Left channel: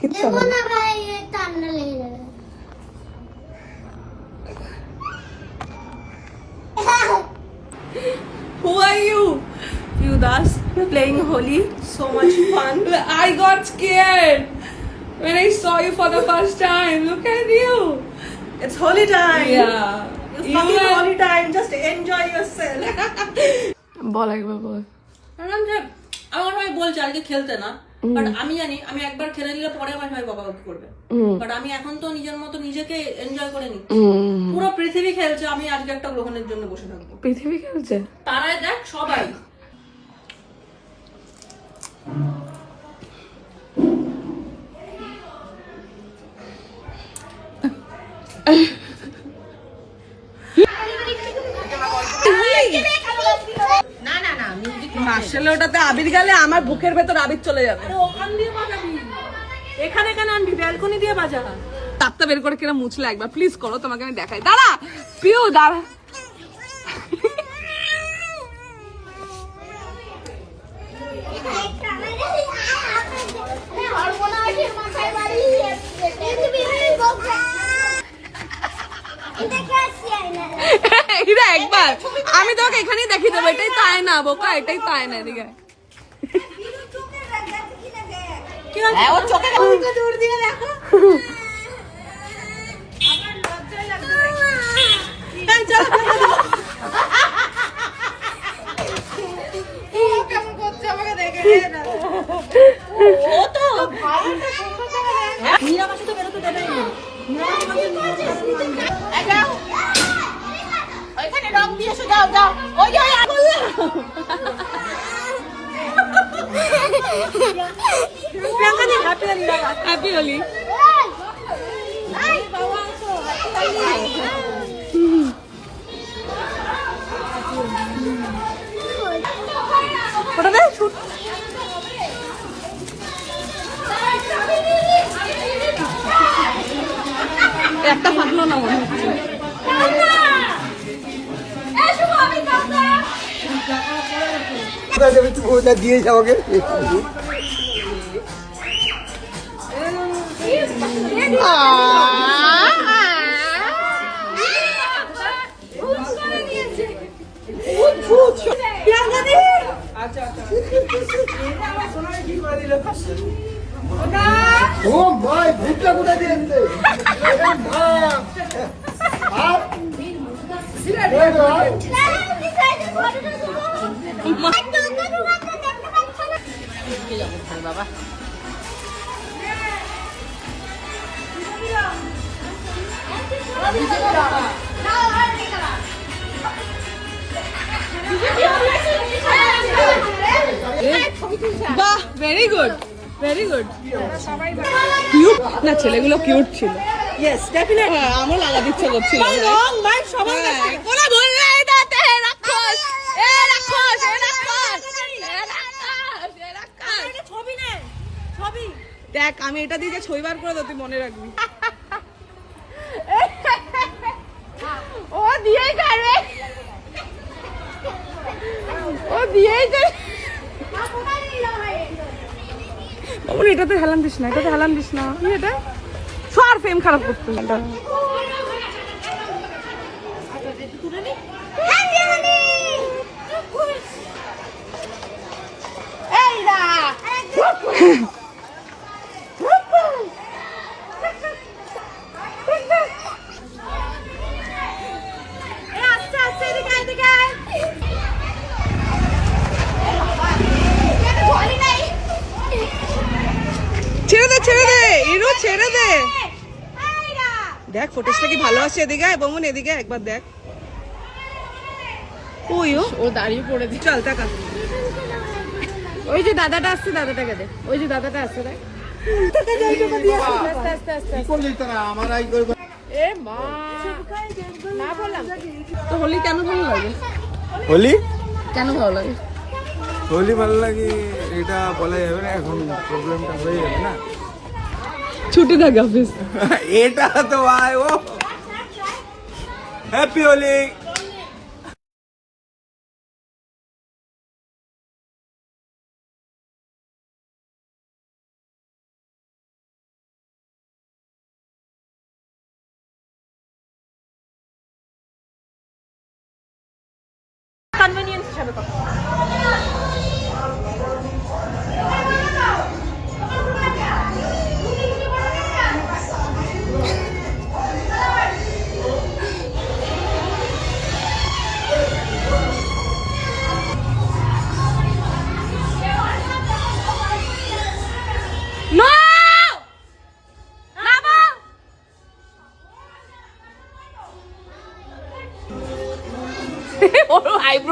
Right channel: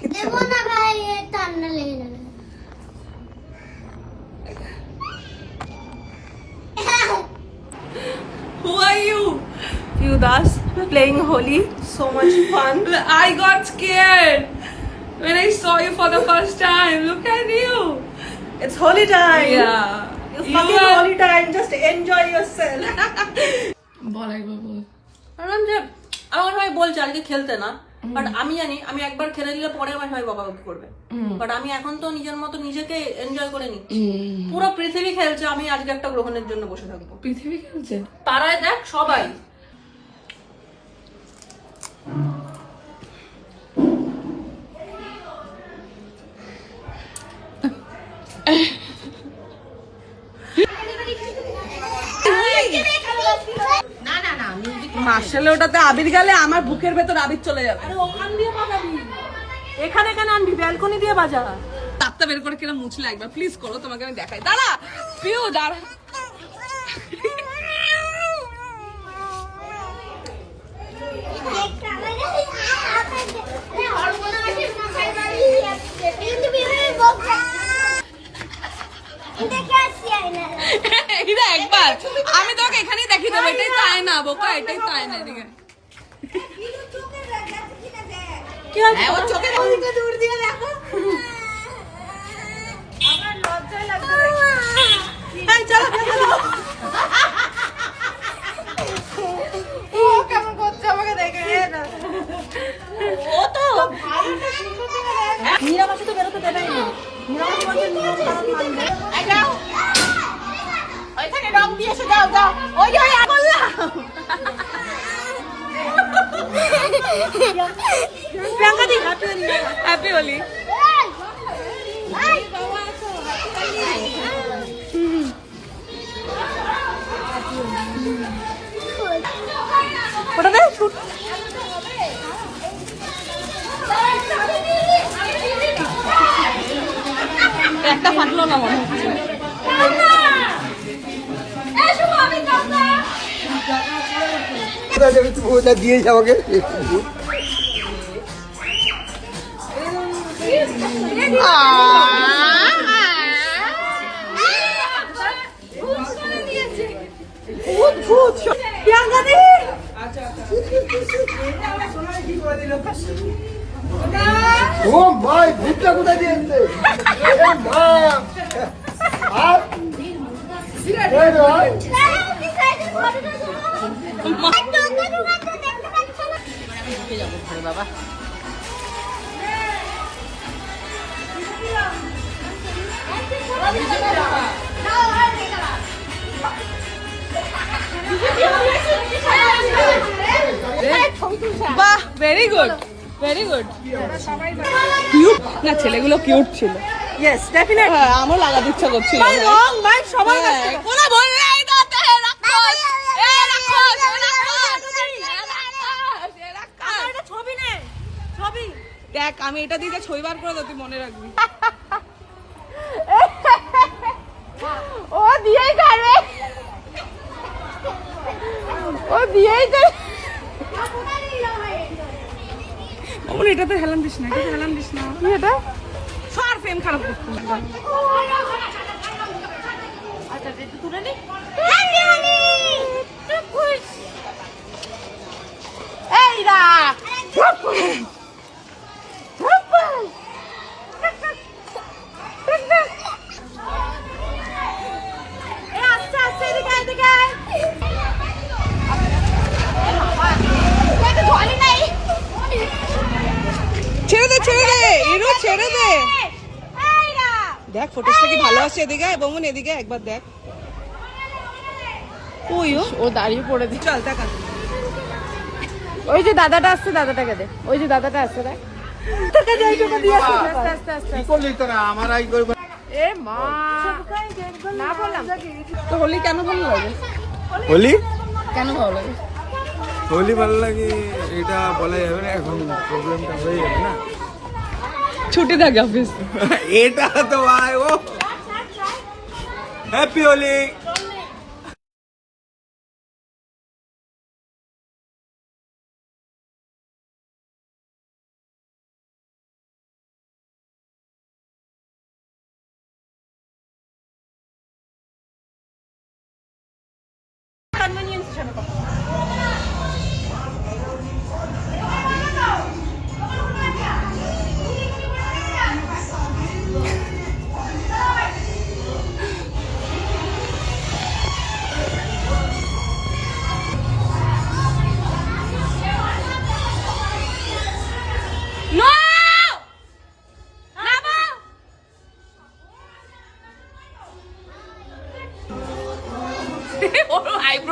কিচ্ছু হবে না ভাই, ঠান্ডা লেগে যাবে। Who are you? Few Das playing Holi, so much fun. I got scared when I saw you for the first time. Look at you. It's Holi time. Yeah. You fucking Holi time. Just enjoy yourself. বল একবার বল। কারণ যে আমার ভাই বলছে আজকে খেলতে না, but আমি জানি আমি একবার খেলে নিলে পরে আমার ভাই বকাবকি করবে, বাট আমি এখন তো নিজের মতো নিজেকে এনজয় করে নি। পুরো পৃথিবী খেলছে, আমি আজকে একটা গ্রহণের জন্য বসে থাকবো। পৃথিবী খেলছে? তারাই দেখ সবাই। না না না, আসলে ওটাতে আবির গেলে আমার বুকের ভেতর আবির চলে যাবে। আরে ওখান দিয়ে বাজাবি, এখানে কেন আনবি? ব্যালকনি দিয়ে বাজা। তাপটা বের করে কিনা মুছলে একবার প্লিজ করো, তোমাকে আমি দেখাই। দাঁড়া পিউ, দাঁড়া। এটা একবার আমি তোকে এখানেই দেখিয়ে দেবো। এটাই তাই না বোকা, এটাই তাই না। এদিকে হ্যাপি হোলি। একটা ফাটলো না মনে হচ্ছে। ওটা দিয়েছে আমাকে। ও ভাই ভূতটা কোথায় দিয়েছে? বাবা বাহ, very good, very good. Cute না, ছেলেগুলো কিউট ছিল। Yes, definitely. হ্যাঁ, আমার লাগাতে ইচ্ছা করছিল। Wrong, man, সবার কাছে। ওরা বললে এটাতে রাক্ষস, এ রাক্ষস, এ রাক্ষস, এ রাক্ষস, এ রাক্ষস। ছবি নে, ছবি। দেখ আমি এটা দিয়ে ছবি বার করে দেবো, তুই মনে রাখবি। ও দিয়েই খাবে, ও দিয়েই খাবে। বাবুল এটাতে হেলান দিস না, এটাতে হেলান দিস না। কি এটা? সর ফ্রেম খারাপ করতে। ছেড়ে দে, ছেড়ে দে ইরু, ছেড়ে দে। দেখ ফটোসটা কি ভালো আছে। এদিকে বমন, এদিকে একবার দেখ। ওই ও দাঁড়িয়ে পড়ে দি। চল টাকা। ওই যে দাদাটা আসছে, দাদাটাকে দে। ওই যে দাদাটা আসছে, দেখ। তোকে যাই তোকে দিয়ে আস্তে আস্তে আস্তে। কি করলি তোরা? আমার আই করব। এ মা, না বললাম তো হোলি কেন ভালো লাগে? হোলি কেন ভালো লাগে? হোলি ভালো লাগে এটা বলা যাবে না, এখন প্রবলেমটা হয়ে যাবে না। ছুটি থাকে অফিস। এটা তো ভাই ও হ্যাপি হোলি।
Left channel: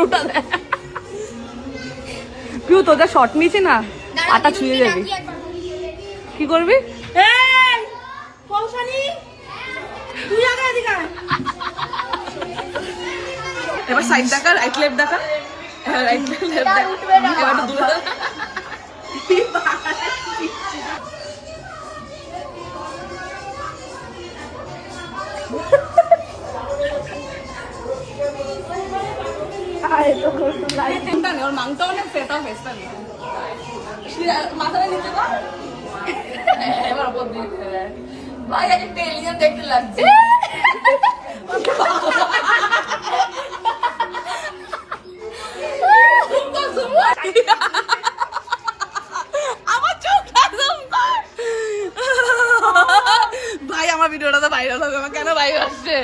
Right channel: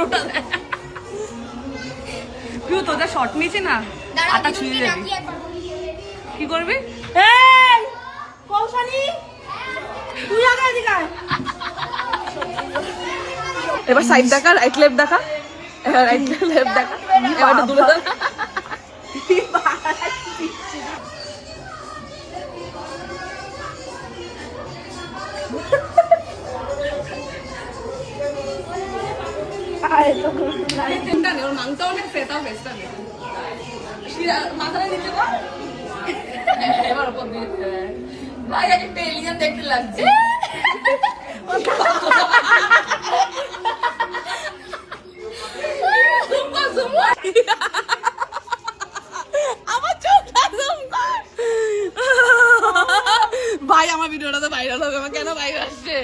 স্ক্রুটা দেয়। পিউ তোদের শর্ট নিয়েছি না, আটা ছুঁয়ে যাবি। কি করবি? এই কৌশানি তুই আগে এদিকে আয়। এবার সাইড দেখা, রাইট লেফট দেখা, রাইট লেফট দেখা। পাটা দুলে দেখা। এবার ওপর দিয়ে ভাই একটা এলিয়েন দেখতে লাগছে। আমার চোখ একদম ভাই, আমার ভিডিওটা তো ভাইরাল হবে। আমার কেন ভাই আসছে,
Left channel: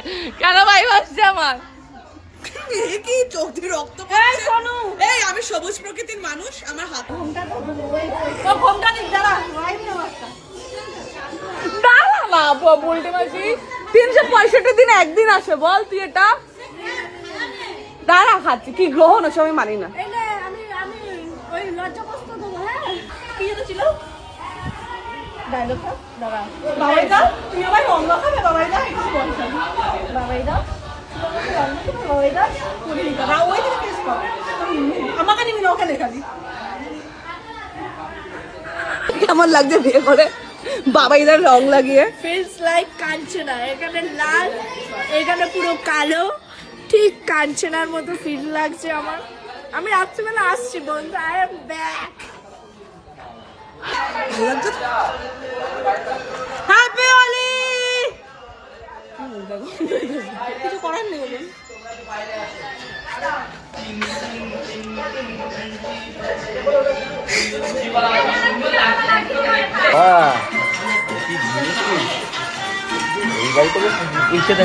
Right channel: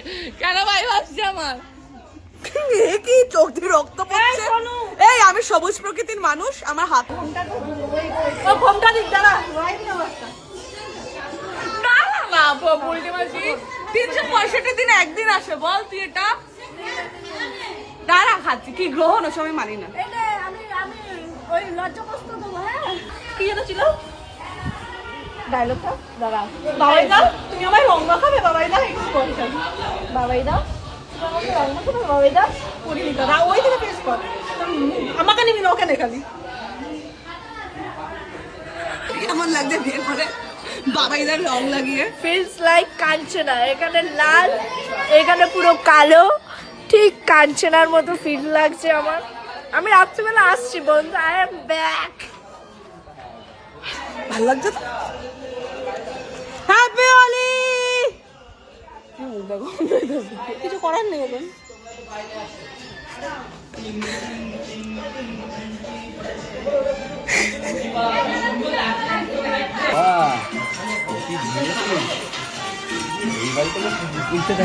কেন ভাই আসছে আমার? কি চোখ দিয়ে রক্ত পড়ছে। এই আমি সবুজ প্রকৃতির মানুষ, আমার হাত ঘন্টা না বলতে পারছি। 365 দিন একদিন আসে বল তুই এটা। দাঁড়া খাচ্ছি, কি গ্রহণ ওসব আমি মানি না। কি এটা ছিল ডায়লগটা? দাঁড়া বাবাইদা, তুমি আমায় রং মাখাবে বাবাইদা? বাবাইদা কেমন লাগছে বিয়ে করে বাবাইদার রং লাগিয়ে? Feels like Kanchana. এখানে লাল, এখানে পুরো কালো, ঠিক কাঞ্চনার মতো ফিল লাগছে আমার। আমি রাত্রিবেলা আসছি বন্ধু, আই এম ব্যাক। ভালো লাগছে তো? হ্যাপি হোলি। কিছু করার নেই এখন।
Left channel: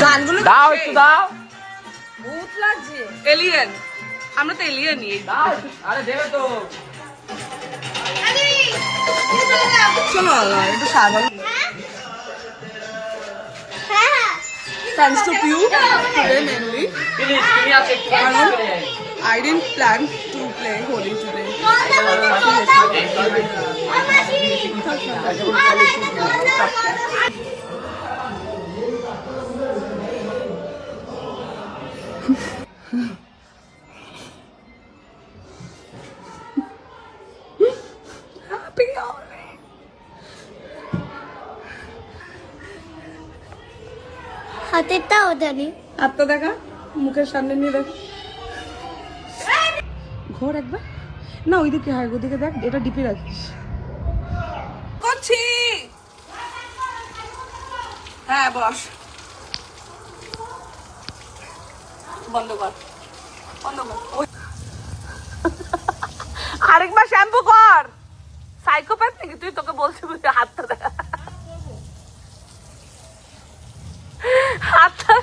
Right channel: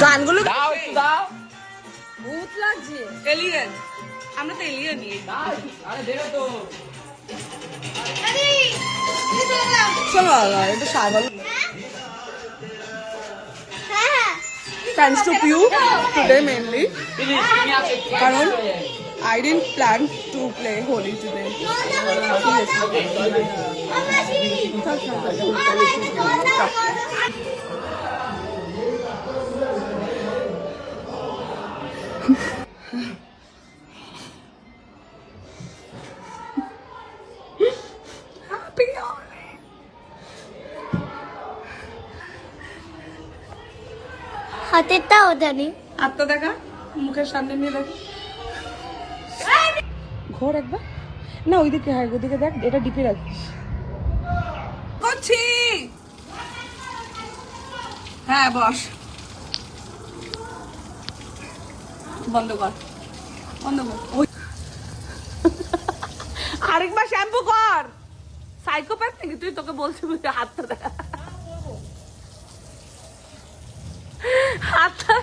গানগুলো ভূত লাগছে। এলিয়েন, আমরা তো এলিয়েনই। চলো একটু সাগর। Thanks to you today mainly. কারণ I didn't plan to play Holi today. Happy Holi. হাতেরটাও জানি। হাতটা দেখা, মুখের সামনে নিয়ে দেখ। ঘোর একবার না, ওইদিকে, হ্যাঁ ওইদিকে দেখ। এটা ডিপে রাখিস। করছি, হ্যাঁ বস। বন্ধ কর, বন্ধ কর। আরেকবার শ্যাম্পু কর। সাইকোপ্যাথ নাকি তুই? তোকে বলছি বুঝতে হাতটা দেখ। হাতটা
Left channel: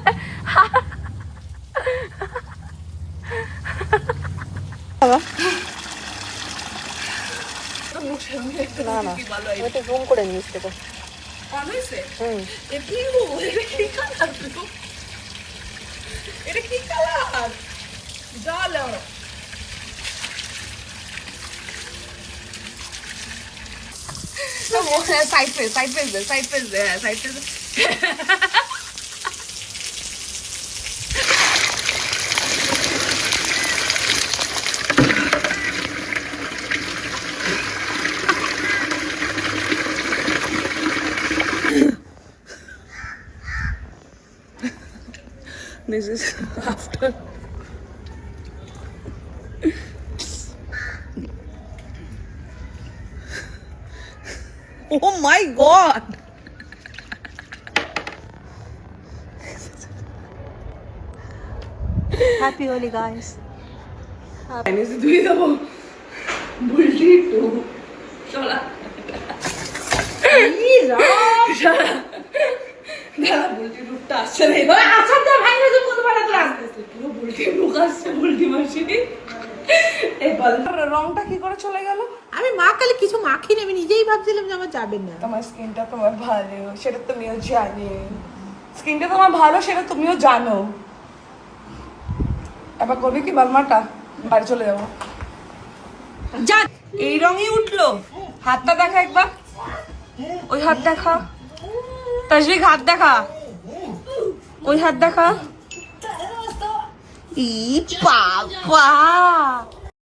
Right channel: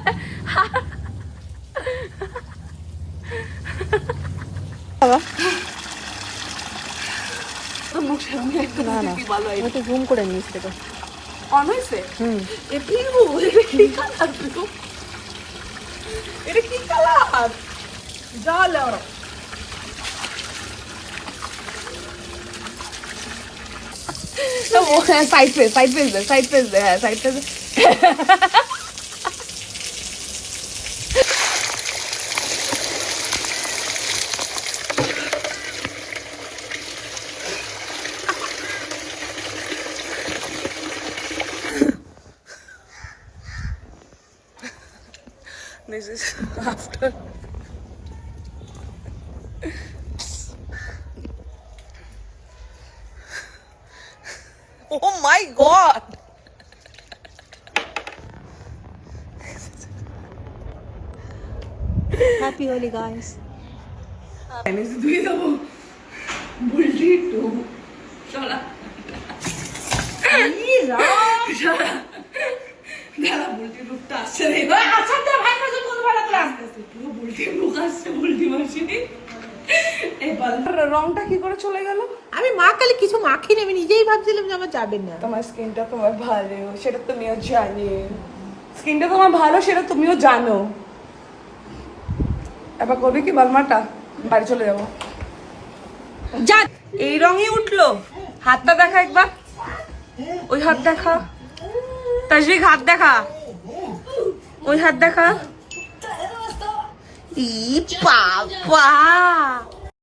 মুখ সামনে একটা কি ভালো হয়। এটা জুম করে নিস। এটা অন হয়েছে? এ পিউ, এটা কি কালার? এটা কি কালার? জল সাইড ফেস, সাইড ফেস দে, সাইড ফেস দে, হ্যাঁ side face. This is after. Oh my God! Happy Holi guys. রংটা কি করে চলে গেল? আমি মা কালে কিছু মাখিনি, আমি নিজেই ভাবছিলাম যে আমার যাবে না। তোমার স্কিনটা তোমার ভালো, সেটা তুমিও জানি। স্কিনটা তোমার ভালো, সেটা তুমিও জানো। এবার করবে কি বার্মাটা? বাড়ি চলে যাবো। যা, এই রঙই উঠলো। হাতটা দেখা একবার, ওই হাত দেখা, তাসবিক হাত দেখা, ওই হাত দেখা। ই বাবা